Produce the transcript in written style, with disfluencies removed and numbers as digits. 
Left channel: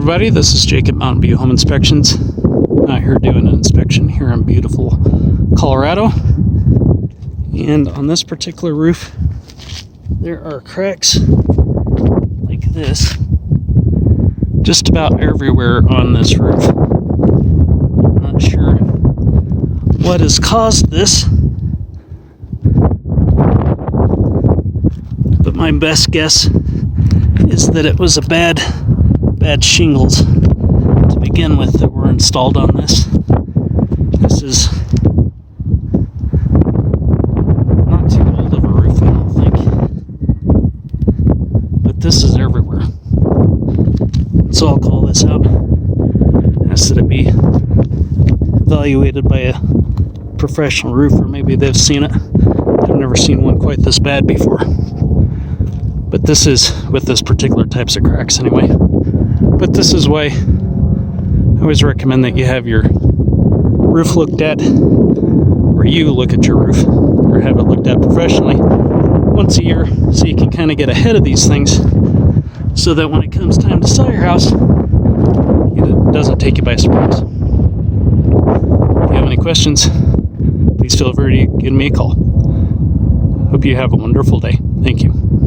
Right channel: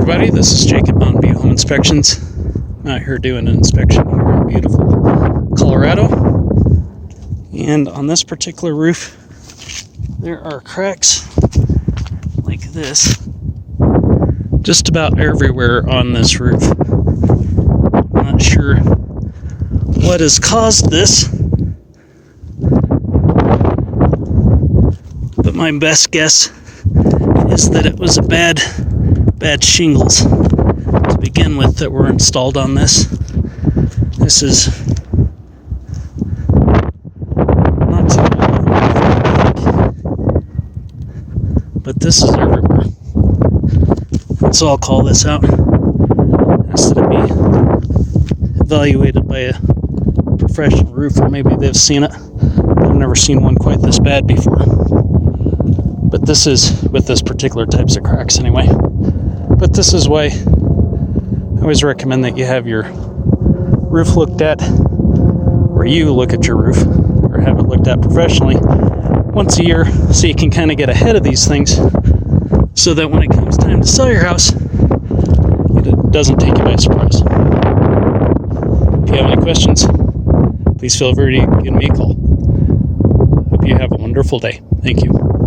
everybody, this is Jake at Mountain View Home Inspections. Out here doing an inspection here in beautiful Colorado. And on this particular roof, there are cracks like this just about everywhere on this roof. I'm not sure what has caused this, but my best guess is that it was a bad shingles to begin with that were installed on this. This is not too old, but this is everywhere. So I'll call this out. Ask that it be evaluated by a professional roofer. Maybe they've seen it. I've never seen one quite this bad before. But this is with this particular types of cracks anyway. But this is why I always recommend that you have your roof looked at, or you look at your roof, or have it looked at professionally once a year, so you can kind of get ahead of these things, so that when it comes time to sell your house, it doesn't take you by surprise. If you have any questions, please feel free to give me a call. Hope you have a wonderful day. Thank you.